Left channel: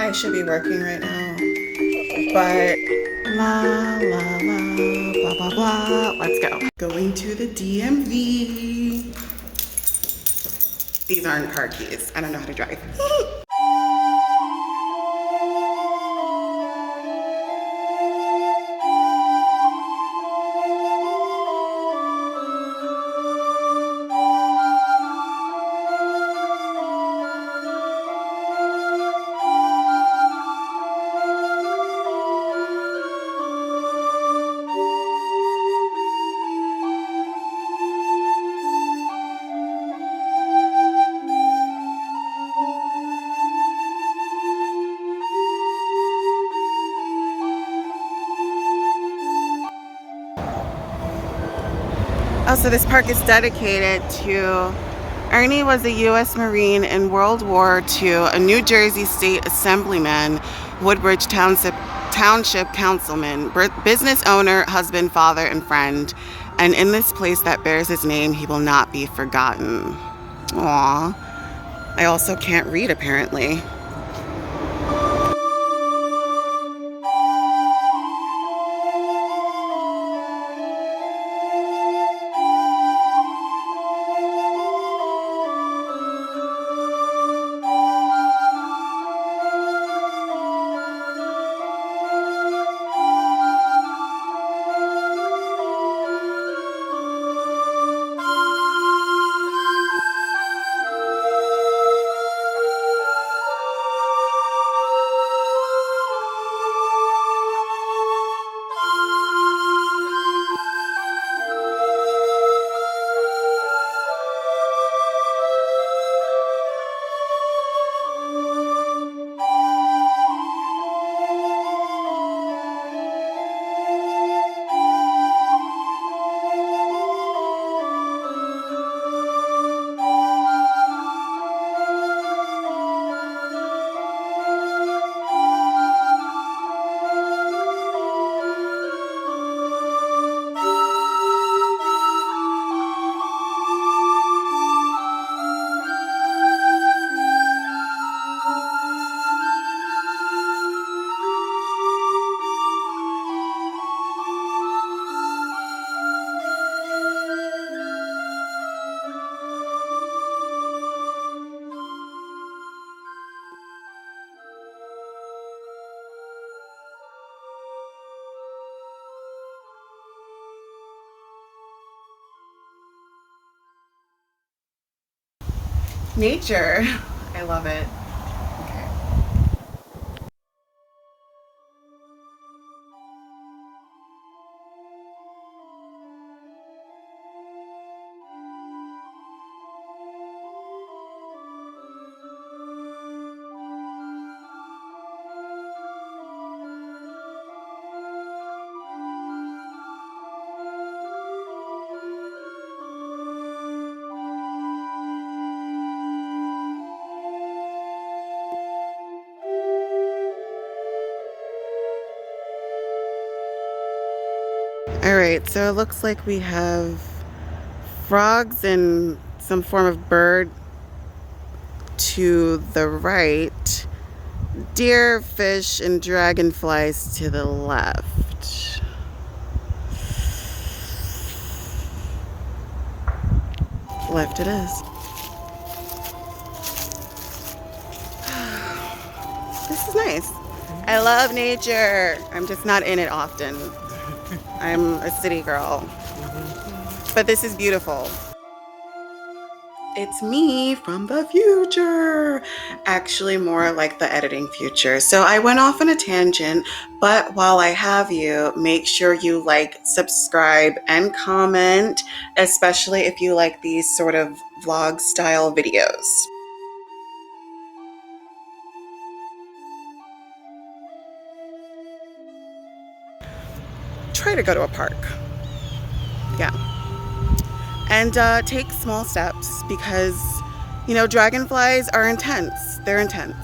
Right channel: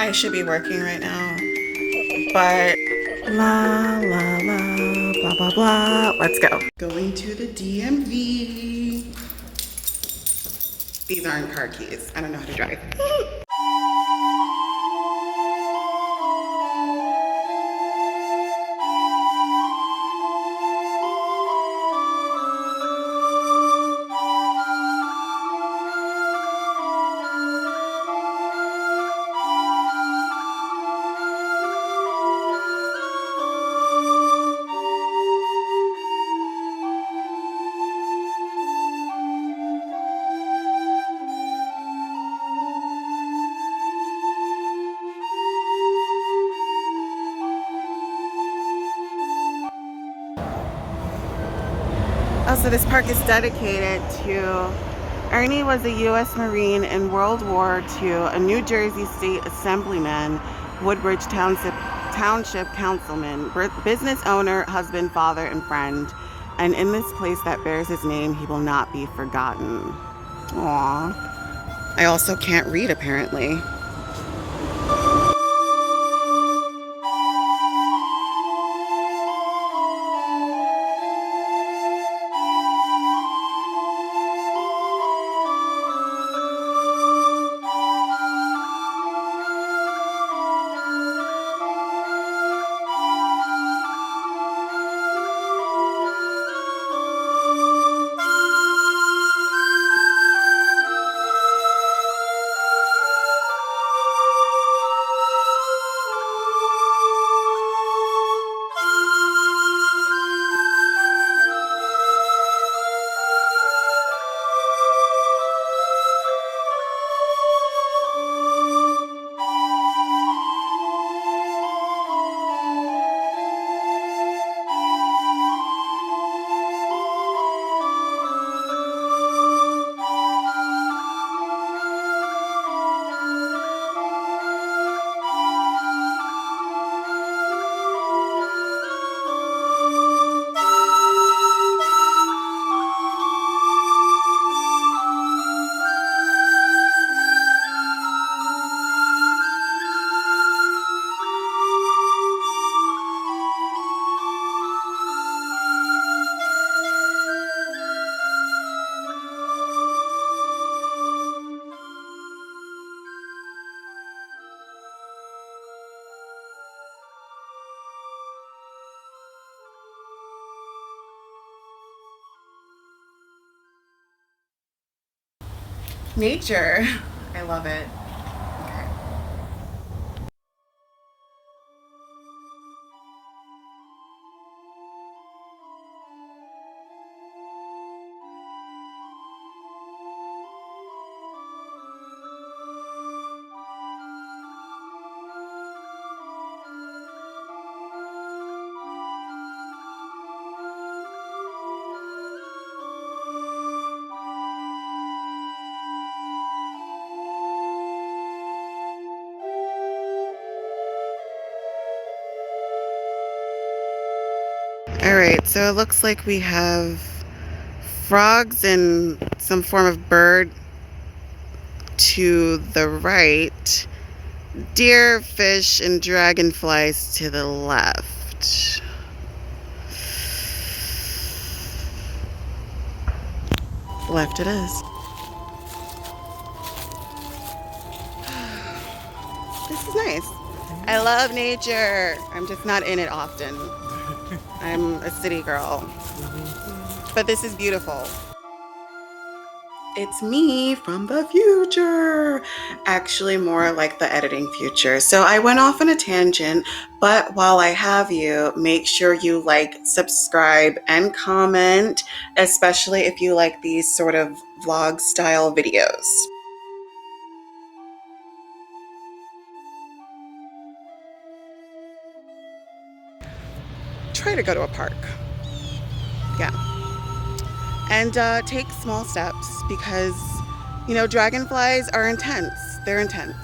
I should be working right now, but la la la, blah blah blah. Let's go. Going to the DMV. These aren't car keys. I don't know how to drive. Oh, so this park is dedicated to Ernie was a U.S. Marine in World War II, a New Jersey State Assemblyman, Woodbridge Township Councilman, business owner, husband, father, and friend. And in this place that bears his name, he will not be forgotten. Aww. I also can't read, apparently. Nature. I love it. Okay. All right, so it looks like we have frogs and some form of bird to the right, deer, fish, and dragonflies to the left. Left it is. This is nice. I love nature. I'm just not in it often. I'm a city girl. But this is beautiful. It's me from the future. Actually, more like the editing future. So I went off on a tangent, but while I have you, make sure you like, subscribe, and comment, especially if you like these sort of vlog style videos. Try to go to a park. Yeah. And take small steps because, you know, dragonflies are intense. They're intense.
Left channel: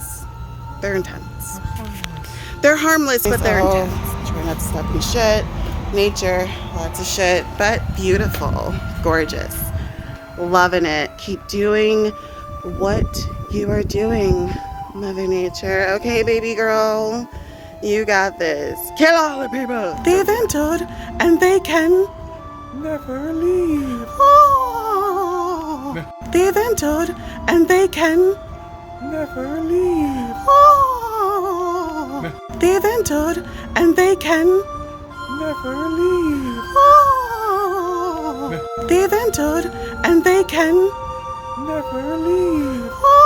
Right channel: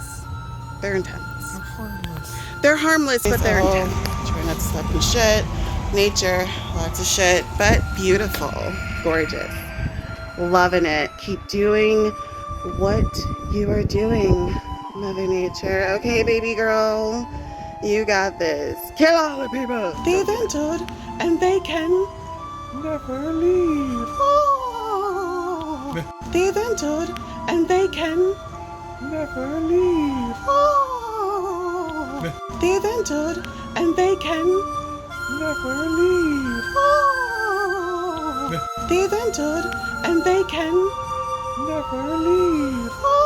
They're intense. They're harmless, but they're intense. Try not to step in shit. Nature, lots of shit, but beautiful, gorgeous. Loving it. Keep doing what you are doing. Mother Nature. Okay, baby girl. You got this. Kill all the people. They've entered and they can never leave. Oh. They've entered and they can never leave. Oh. They've entered and they can never leave. Oh. They've entered and they can never leave. Oh.